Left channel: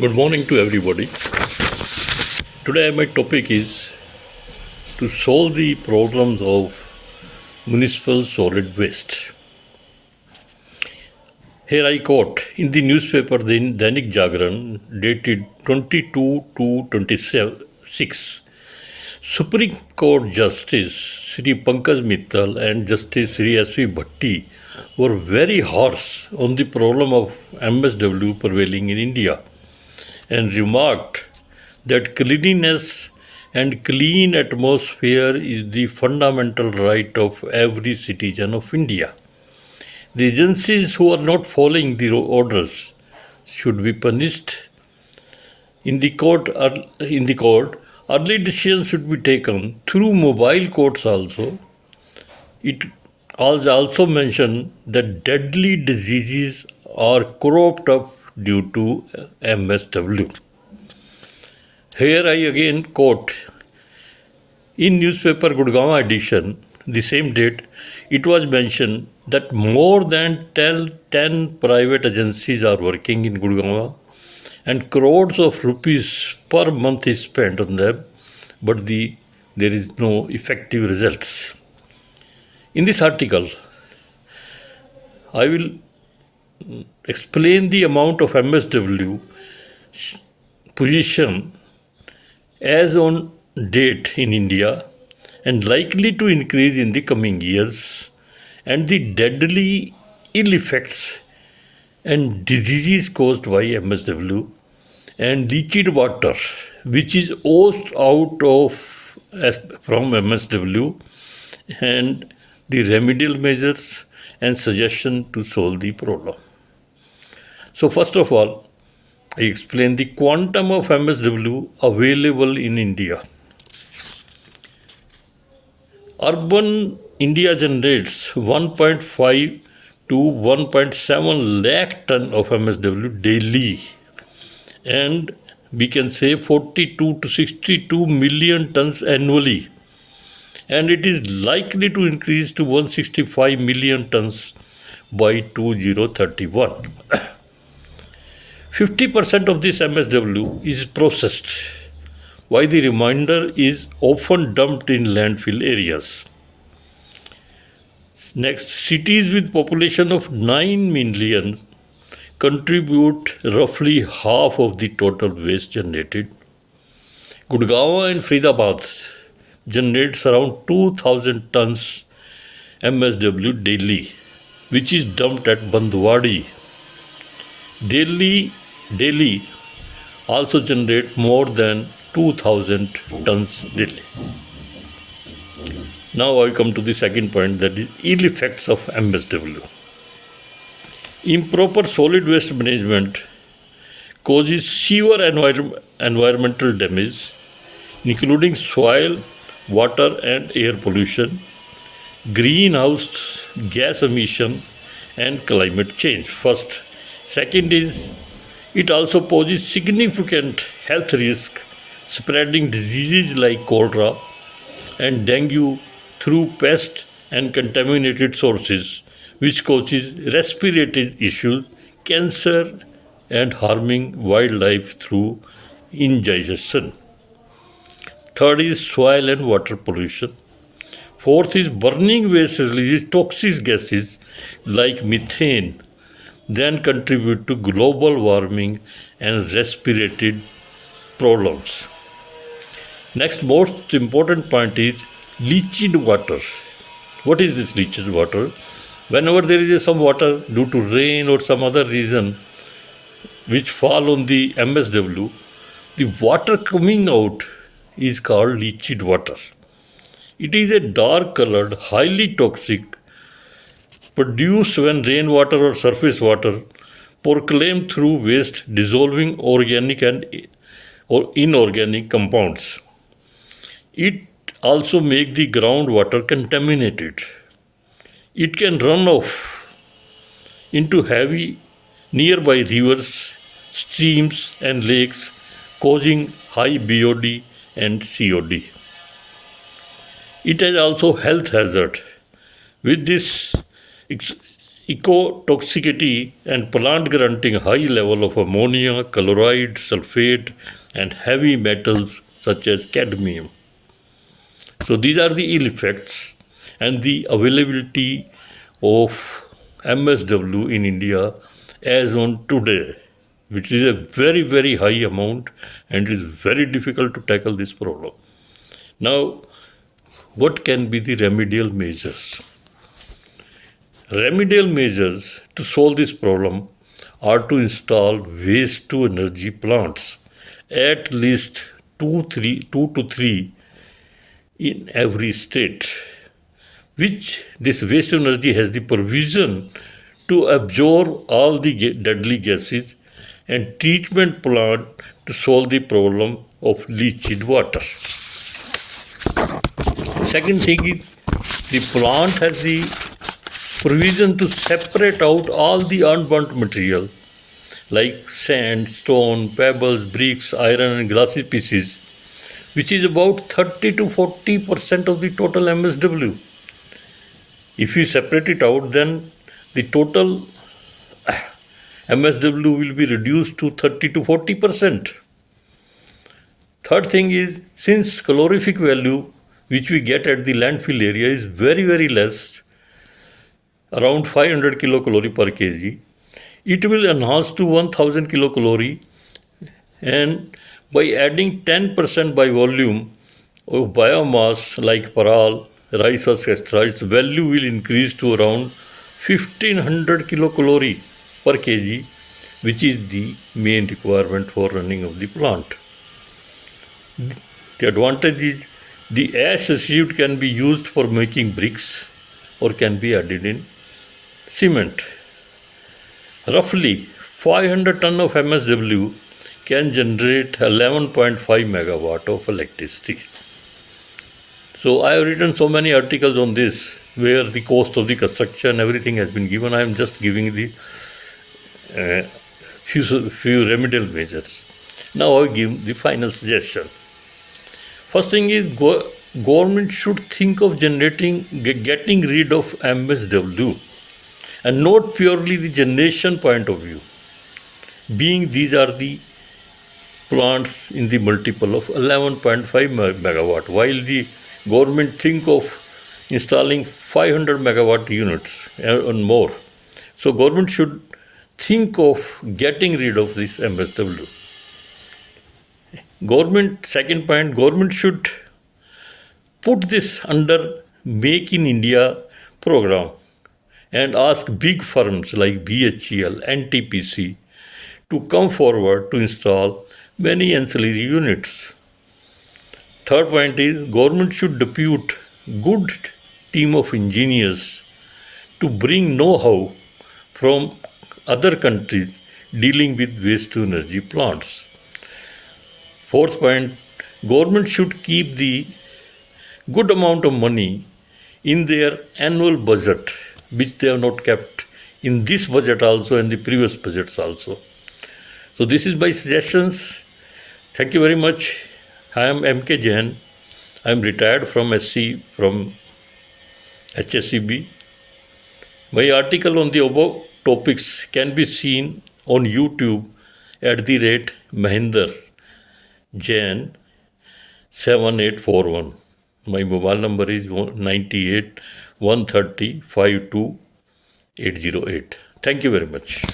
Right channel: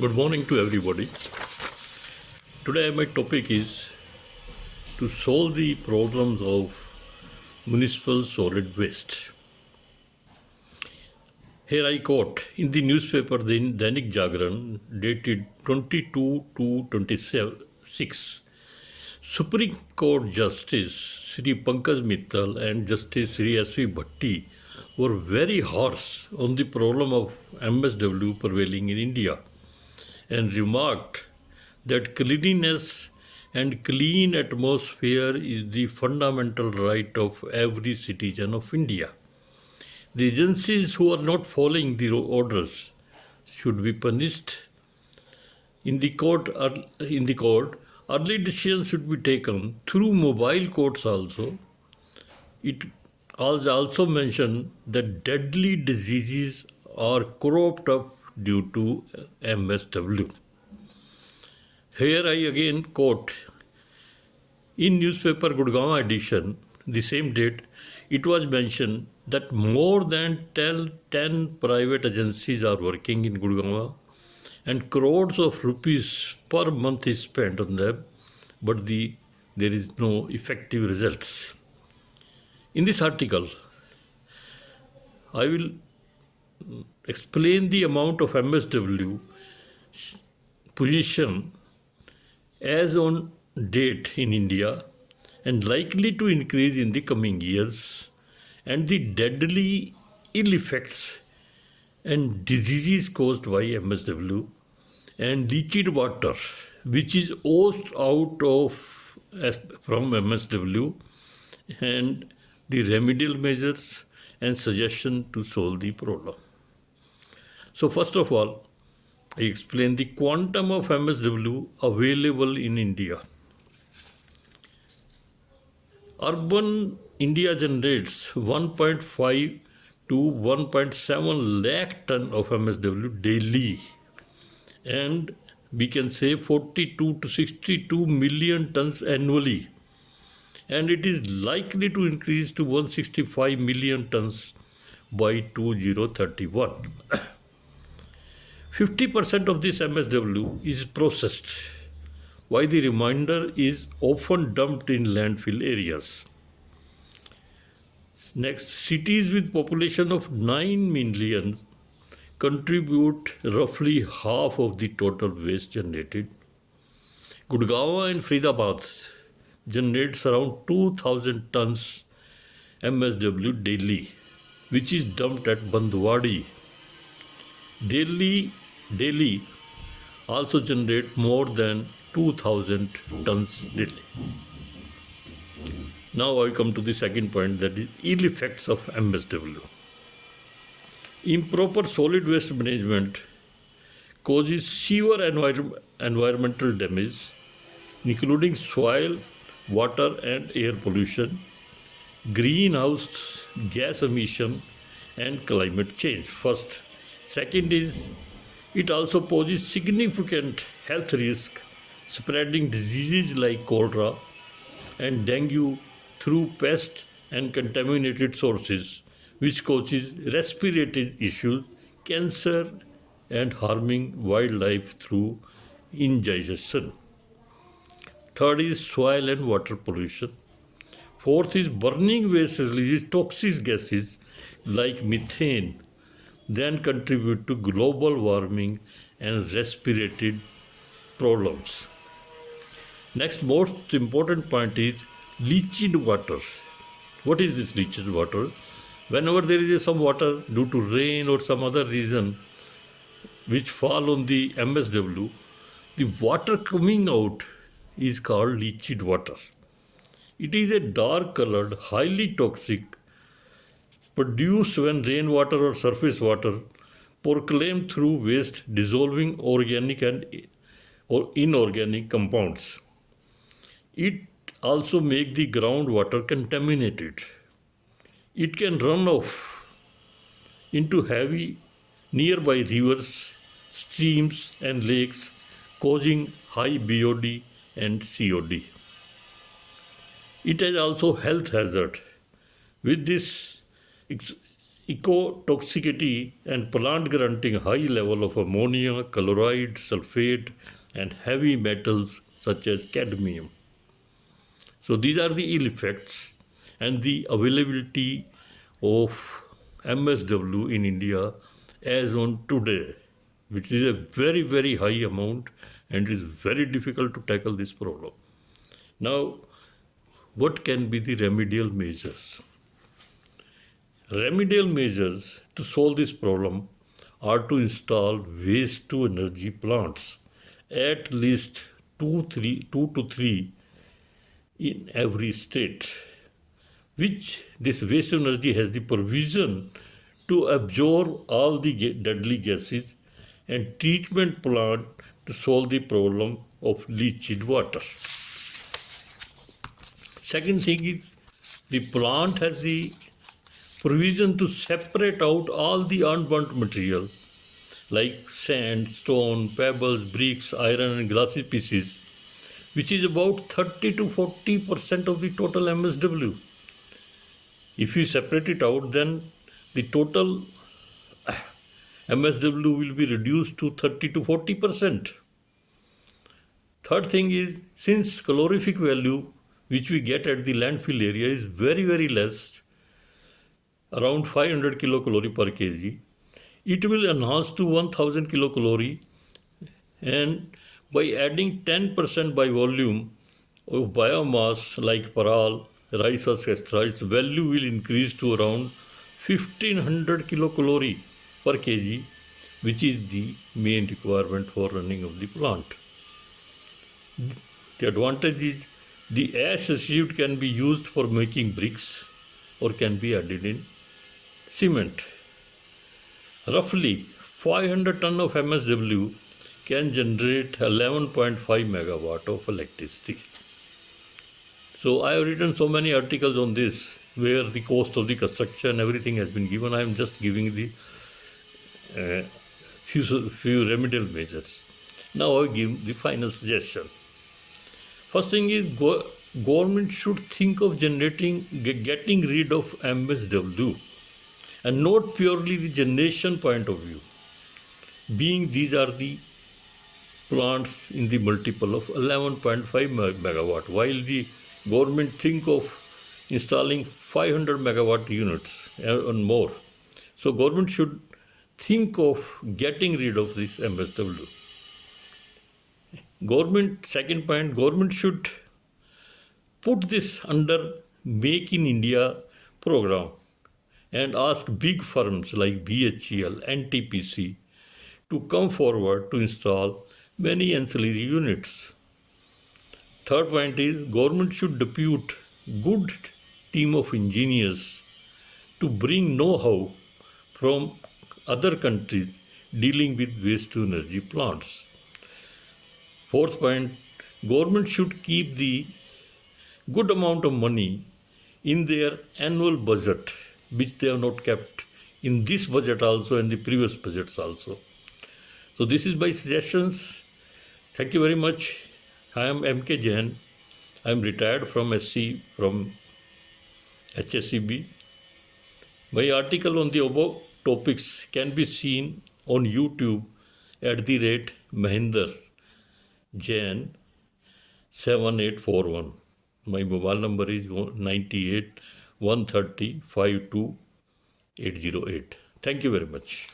Good morning to everybody. Today my topic is to solve the problems of municipal solid waste. Here I quote in the newspaper Dainik Jagran dated 22 to 26. Supreme Court Justice Sri Pankaj Mittal and Justice Sri S.V. Bhatti were very harsh on the problem of MSW prevailing in India and remarked that cleanliness and clean atmosphere is the fundamental right of every citizen of India. The agencies who are not following the orders should be punished. In the court, early decisions should be taken through mobile courts also. It also mentioned that deadly diseases are cropped up due to MSW. Here I again quote, in newspaper Gurgaon edition, the same date, it was mentioned that more than 10 private agencies are working in Gurgaon and crores of rupees per month is spent on them, but there is no effective results. In this article, I will explain the amount of MSW position as on date in India and likely to increase in the coming years, and the deadly ill effects and diseases caused by MSW and leached water which is oozed out of from MSW, and the remedial measures and suggestion to solve the problem. So first of all, I explain the quantum of MSW available in India. Urban India generates 1.5 to 1.7 lakh ton of MSW daily, and we can say 42 to 62 million tons annually, and it is likely to increase to 165 million tons by 2031. 50% of this MSW is processed, while the remainder is often dumped in landfill areas. Next, cities with population of 9 million contribute roughly half of the total waste generated. Gurgaon and Faridabad generates around 2,000 tons MSW daily, which is dumped at Bandwadi. Delhi also generate more than 2,000 tons daily. Now I come to the second point, that is ill effects of MSW. Improper solid waste management causes severe environmental damage, including soil, water and air pollution, greenhouse gas emission and climate change. First. Second is, it also poses significant health risk, spreading diseases like cholera and dengue through pest and contaminated sources, which causes respiratory issues, cancer and harming wildlife through indigestion. Third is soil and water pollution. Fourth is burning waste releases toxic gases like methane, then contribute to global warming and respiratory problems. Next, most important point is leached water. What is this leached water? Whenever there is some water due to rain or some other reason which fall on the MSW, the water coming out is called leached water. It is a dark colored, highly toxic, produced when rainwater or surface water proclaimed through waste dissolving organic and or inorganic compounds. It also makes the groundwater contaminated. It can run off into heavy nearby rivers, streams and lakes, causing high BOD and COD. It is also health hazard. With this ecotoxicity and plant granting high level of ammonia, chloride, sulfate, and heavy metals such as cadmium. So these are the ill effects, and the availability of MSW in India as on today, which is a very, very high amount, and it is very difficult to tackle this problem. Now, what can be the remedial measures? Remedial measures to solve this problem are to install waste to energy plants, at least two to three in every state, which this waste energy has the provision to absorb all the deadly gases, and treatment plant to solve the problem of leached water. Second thing is, the plant has the provision to separate out all the unburnt material like sand, stone, pebbles, bricks, iron and glassy pieces, which is about 30 to 40% of the total MSW. If you separate it out, then the total MSW will be reduced to 30 to 40%. Third thing is, since calorific value which we get at the landfill area is very, very less, around 500 kilocalorie per kg, it will enhance to 1000 kilocalorie, and by adding 10% by volume of biomass like paral, rice or etc., its value will increase to around 1500 kilocalorie per kg, which is the main requirement for running of the plant. The advantage is the ash received can be used for making bricks or can be added in cement. Roughly 500 ton of MSW can generate 11.5 megawatt of electricity. So I have written so many articles on this where the cost of the construction, everything has been given. I am just giving the few remedial measures. Now I give the final suggestion. First thing is, government should think of getting rid of MSW, and not purely the generation point of view, being these are the plants in the multiple of 11.5 megawatt, while the government think of installing 500 megawatt units and more. So government should think of getting rid of this MSW. Second point, government should put this under Make in India program and ask big firms like BHEL, NTPC to come forward to install many ancillary units. Third point is, government should depute good team of engineers to bring know-how from other countries dealing with waste to energy plants. Fourth point, government should keep the good amount of money in their annual budget, which they have not kept in this budget also and the previous budgets also. So this is my suggestions. Thank you very much. I am MK Jain. I am retired from SC from HSCB. My article on the above topics can be seen on YouTube at the rate Mahinder Jain 7841. My mobile number is 98 130 52808. Thank you very much.